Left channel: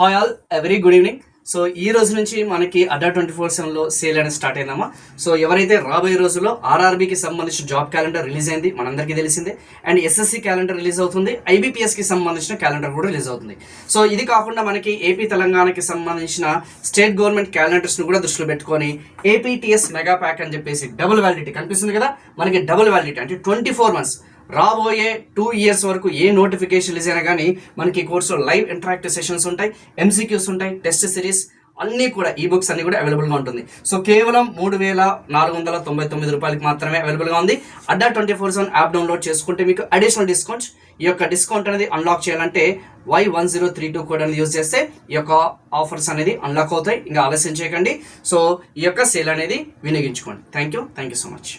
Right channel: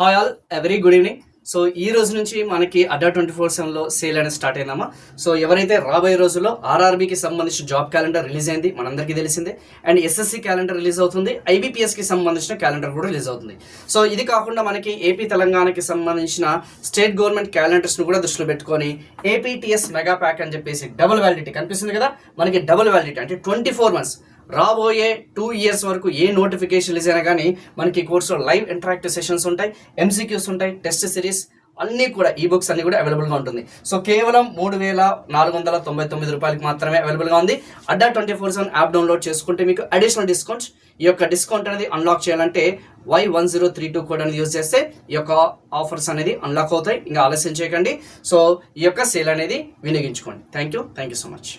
Hi all, very good evening. So ఈ రోజు నుంచి మనకి అడ్డా 24/7లో సేల్ అనేది స్టార్ట్ అయిందమ్మా. సో ఎవరైతే రాబోయే రోజుల్లో ఆర్ఆర్బీకి సంబంధించిన జాబ్ క్యాలెండర్ రిలీజ్ అయింది, మనందరికీ తెలిసిందే. అండ్ ఎస్ఎస్సి క్యాలెండర్ రిలీజ్ అవుతుంది, ఐబీపీఎస్కి సంబంధించిన క్యాలెండర్ కూడా రిలీజ్ అవుతుంది. సో ఇది కాకుండా మనకి ఏపీ తెలంగాణకి సంబంధించిన స్టేట్ గవర్నమెంట్ క్యాలెండర్స్ను కూడా దృష్టిలో పెట్టుకొని ఏపీటీఎస్ మెగా ప్యాక్ అని చెప్పేసి డబుల్ వ్యాలిడిటీ కనిపిస్తుంది కదా, మనకి డబుల్ వ్యాలిడిటీ అంటే 24 months రాబోయే 2 years వరకు ఏ నోటిఫికేషన్ రిలీజ్ అయినా కానీ మనకి కోర్సులో లైవ్ ఇంటరాక్టివ్ సెషన్స్ ఉంటాయి, ఎంసీక్యూస్ ఉంటాయి, టెస్ట్ సిరీస్ అన్నీ కూడా ఈ బుక్స్ అన్ని కూడా అవైలబుల్గా ఉంటుంది. సో కేవలం 3,499 రూపాయలకి మాత్రమే అవైలబుల్గా ఉంది. అడ్డా 24/7 యాప్ డౌన్లోడ్ చేసుకుంటే మీకు అడిషనల్ డిస్కౌంట్, ఈ యొక్క డిస్కౌంట్ అనేది అన్లాక్ చేయాలంటే Y1032 కోడ్ అనేది యూజ్ చేస్తే ఈ యొక్క ఆఫర్స్ అనేది అన్లాక్ అవుతాయి. ఇంకా ఆలస్యం చేయకండి. సో ఈ యొక్క సేల్ అనేది వినియోగించుకోండి. Thank you so much.